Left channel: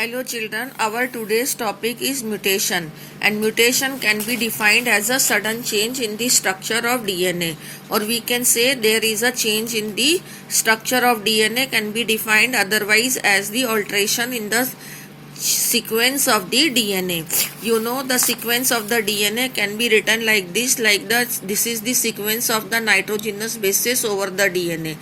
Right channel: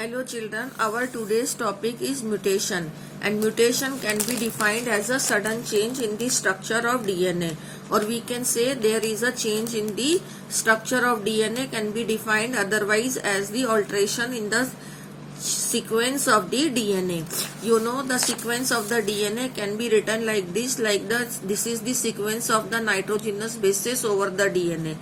Hello children, our today's topic is mutation, and mutation can be defined as a sudden change in the structure of DNA, or we can say there is a change in the structure of DNA can be defined otherwise as the alteration in the sequence of the DNA. You know, the sequence of the DNA can be written like this, this is the sequence of the nitrogenous bases over the DNA.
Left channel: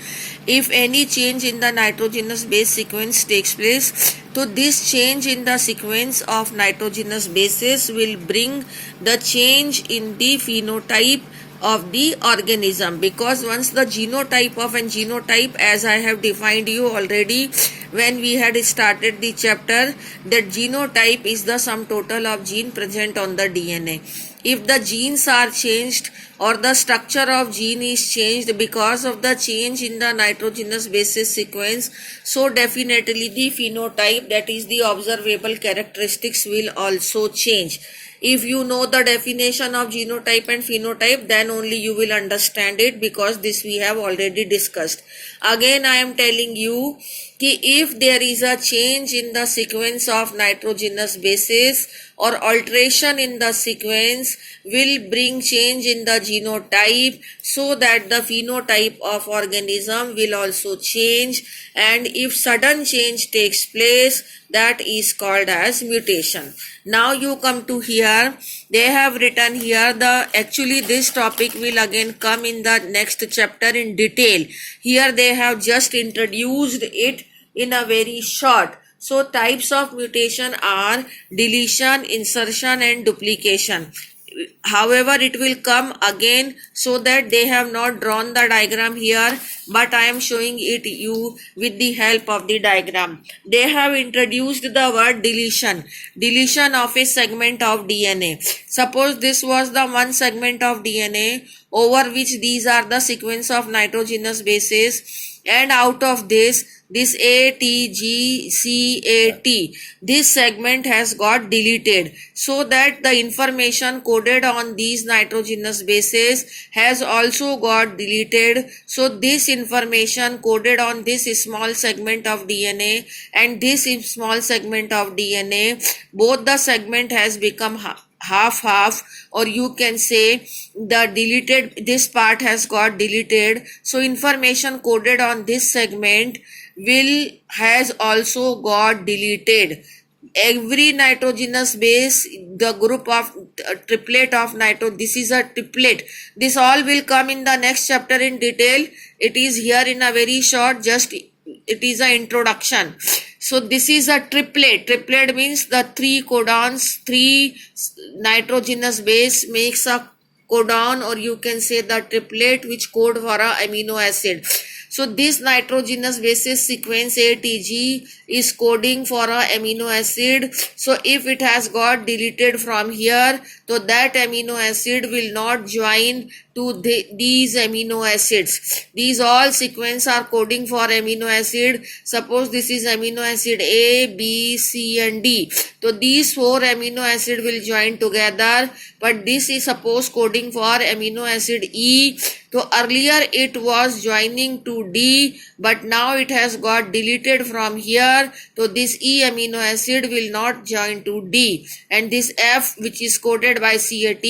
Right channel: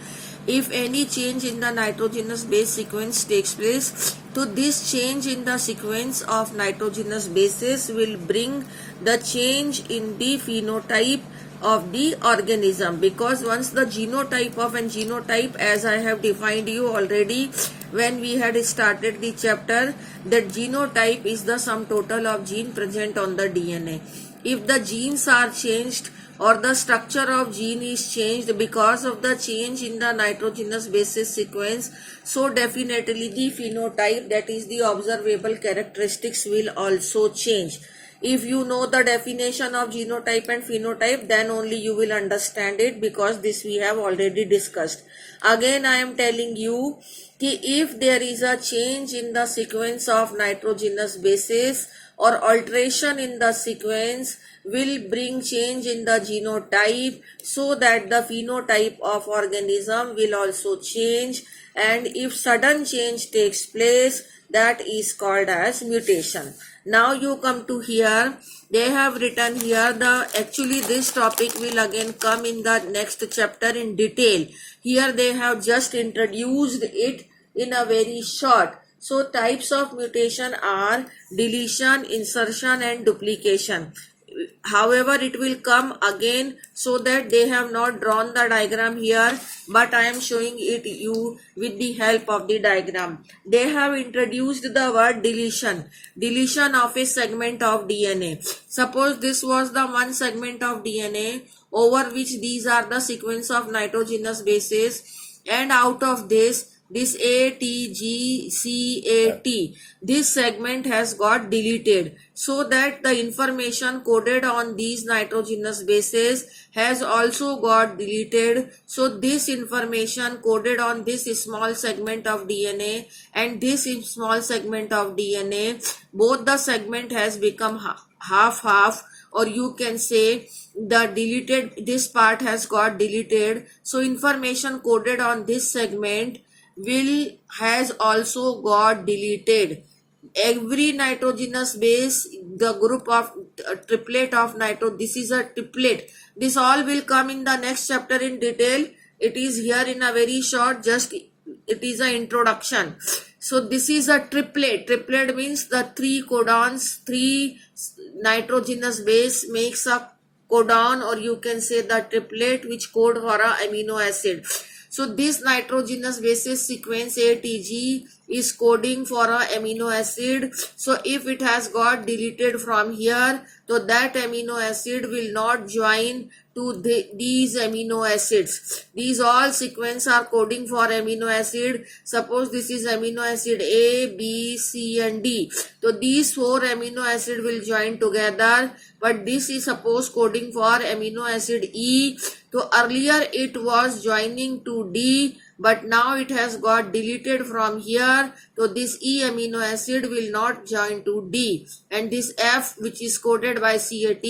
If any change in the nitrogenous base sequence takes place, so this change in the sequence of nitrogenous bases will bring the change in the phenotype of the organism, because once the genotype of an genotype, as I have defined you already when we had started the chapter, that genotype is the sum total of gene present on the DNA. If the genes are changed or the structure of gene is changed because of the change in the nitrogenous basis sequence, so definitely the phenotype, that is the observable characteristics, will also change. If you know the definition of genotype and phenotype, then only you will understand it, because this we have already discussed. Again I am telling you कि if there is a change in the sequence of nitrogenous bases or alteration in the sequence will bring change in the genotype, so that the phenotype of organism will also change, and if sudden change takes place, that is called as mutation. Now you come to here, they have written here actually this topic will again come in the next chapter in detail. Here they have just introduced it in a very short. So types of mutation are deletion, insertion and duplication. However, it will come again, so that they have not drawn the diagram here, but I am showing it you with the help of the diagram. They have introduced the word deletion of a segment of DNA. Suppose this was the one segment of DNA over which these are the sequence of nitrogenous bases, and out of this ATGCAT, this segment has got deleted, so that the information coded on these nitrogenous bases has also got deleted. So this information coded on this small segment of DNA and this small segment of DNA, both the segment has become half, or you can say the deleted, this part has got deleted. So information coded on this segment has also got deleted. Every nitrogenous base, the group of triplet of this is a triplet. This all will come in the next chapter in detail. It is here in a very short, just it is an introduction. So this is a triplet. Triplet means the three codons, three nitrogenous base makes a codon, or you can say the triplet which code for a amino acid. So this nitrogenous bases sequence ATG is coding for a amino acid. So if it has got deleted from here, so that amino acid will not join to these amino acids. These all sequence are coding for amino acid. Suppose this is amino acid A, B, C and D. So these four amino acid will join together, but this is suppose coding for amino acid E. So earlier it was joining to D, but now it has got deleted from here. So this E amino acid will not join to D, and this F, which is coded by CAT,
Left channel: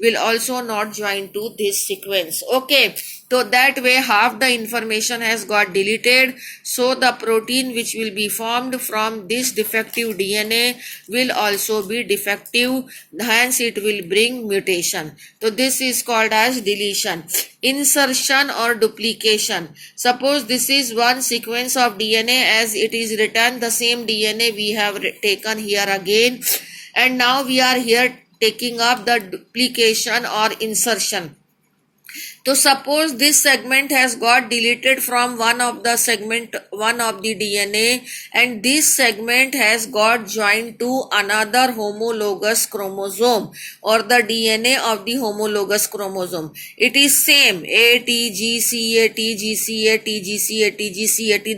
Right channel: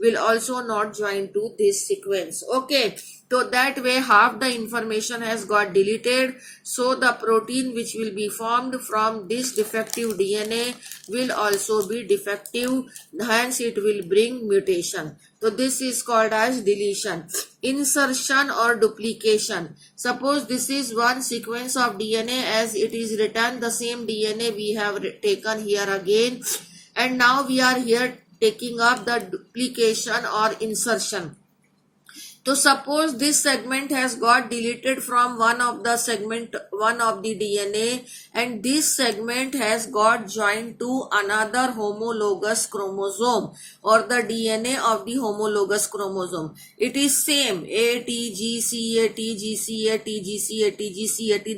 will also not join to this sequence. Okay, so that way half the information has got deleted. So the protein which will be formed from this defective DNA will also be defective, hence it will bring mutation. So this is called as deletion. Insertion or duplication. Suppose this is one sequence of DNA as it is written, the same DNA we have taken here again, and now we are here taking up the duplication or insertion. So suppose this segment has got deleted from one of the DNA, and this segment has got joined to another homologous chromosome, or the DNA of the homologous chromosome. It is same ATGCAT,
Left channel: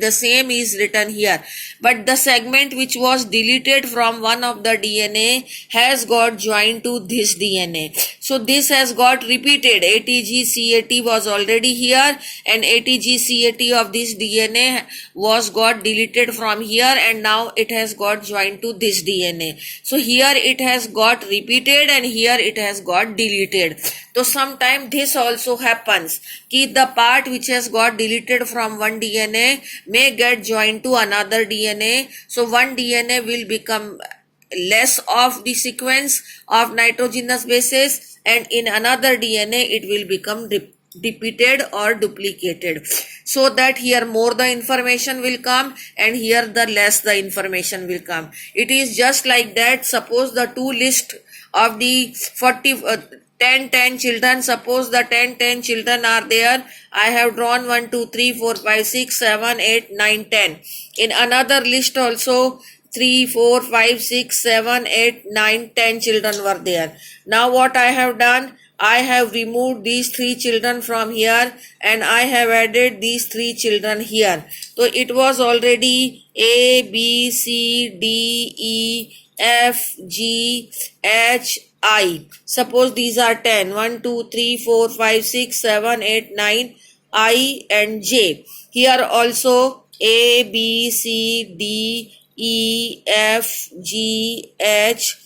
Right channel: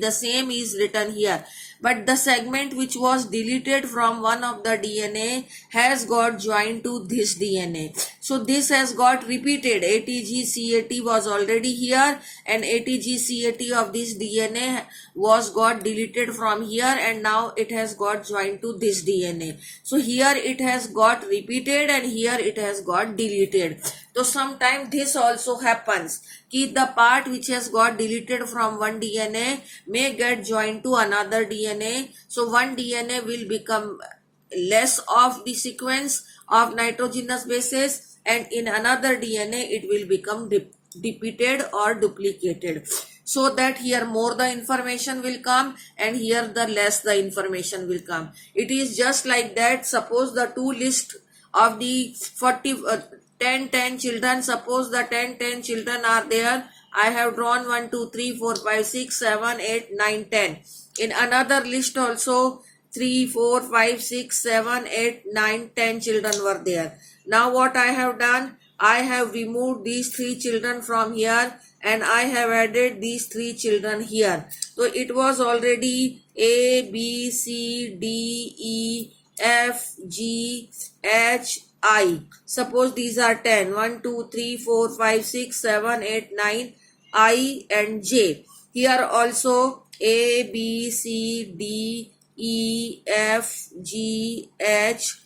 the same is written here, but the segment which was deleted from one of the DNA has got joined to this DNA. So this has got repeated ATGCAT ATGCAT was already here, and ATGCAT of this DNA was got deleted from here, and now it has got joined to this DNA. So here it has got repeated and here it has got deleted. So sometimes this also happens कि the part which has got deleted from one DNA may get joined to another DNA. So one DNA will become less of the sequence of nitrogenous bases, and in another DNA it will become repeated or duplicated, so that here more the information will come and here the less the information will come. It is just like that. Suppose the two list of the 10 children, suppose the 10 children are there. I have drawn 1 2 3 4 5 6 7 8 9 10. In another list also 3 4 5 6 7 8 9 10 children were there. Now what I have done, I have removed these 3 children from here and I have added these 3 children here. So it was already A, B, C, D, E, F, G, H, I. Suppose these are 10. 1, 2, 3, 4, 5, 6, 7, 8, 9, I and J. Here also A, B, C, D, E, F, G, H,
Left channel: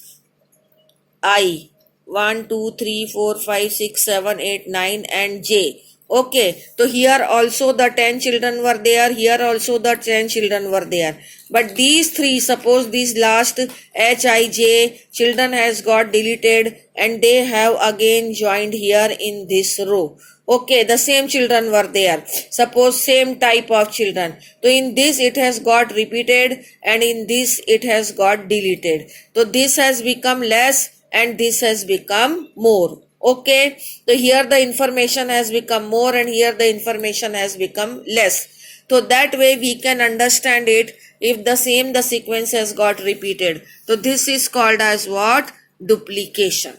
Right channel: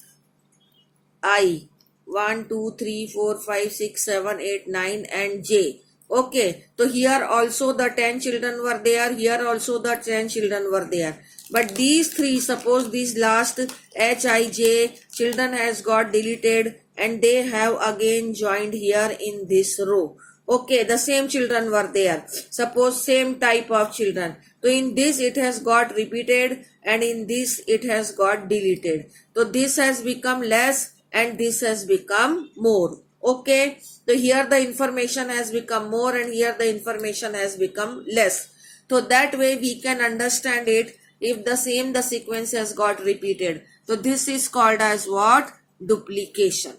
I. 1, 2, 3, 4, 5, 6, 7, 8, 9 and J. Okay, so here also the 10 children were there, here also the 10 children were there. But these 3, suppose these last H, I, J children has got deleted and they have again joined here in this row. Okay, the same children were there. Suppose same type of children. So in this it has got repeated and in this it has got deleted. So this has become less and this has become more. Okay, so here the information has become more and here the information has become less. So that way we can understand it if the sequence has got repeated. So this is called as what? Duplication.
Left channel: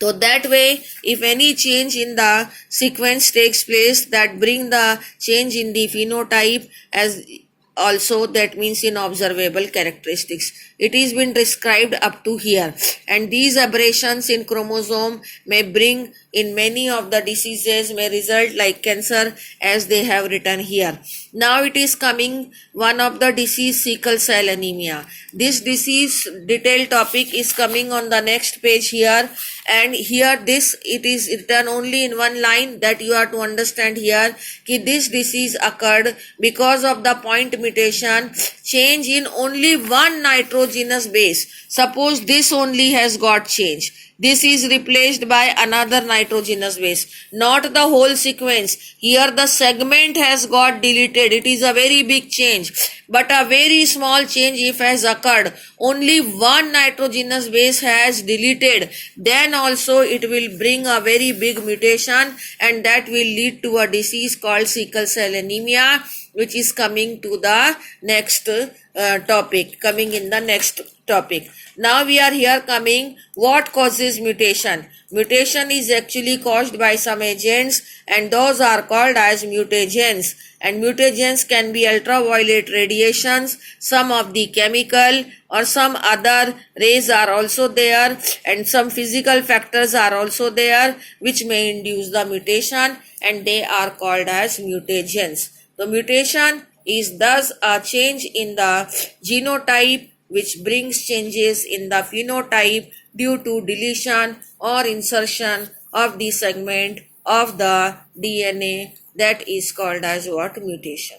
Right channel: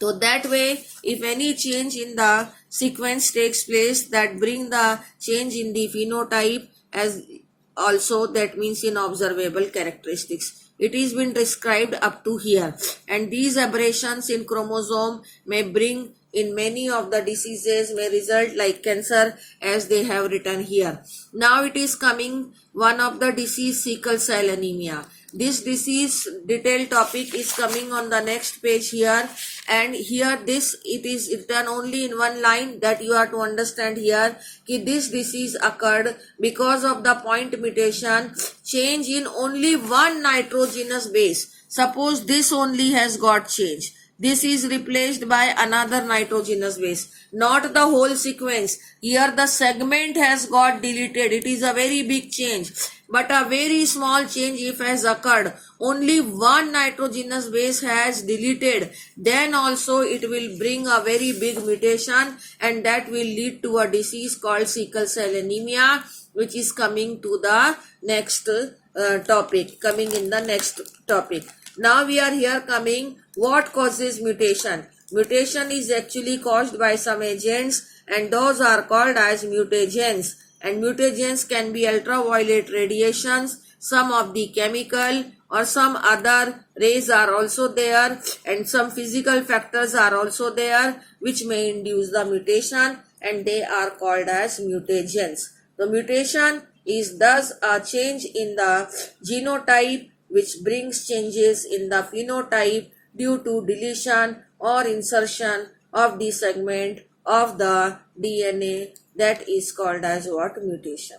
So that way, if any change in the sequence takes place, that bring the change in the phenotype as also, that means in observable characteristics. It is been described up to here, and these aberrations in chromosome may bring in many of the diseases, may result like cancer, as they have written here. Now it is coming one of the disease, sickle cell anemia. This disease detailed topic is coming on the next page here, and here this it is written only in one line that you have to understand here कि this disease occurred because of the point mutation, change in only one nitrogenous base. Suppose this only has got changed. This is replaced by another nitrogenous base, not the whole sequence. Here the segment has got deleted. It is a very big change, but a very small change if has occurred. Only one nitrogenous base has deleted. Then also it will bring a very big mutation, and that will lead to a disease called sickle cell anemia, which is coming to the next topic, coming in the next topic. Now we are here coming what causes mutation. Mutation is actually caused by some agents, and those are called as mutagens. And mutagens can be ultraviolet radiations, some of the chemical or some other rays are also there, and some physical factors are also there which may induce the mutation, and they are called as mutagens. The mutation is thus a change in the genotype which brings changes in the phenotype due to deletion or insertion of the segment of the DNA. That is called as what? Mutation.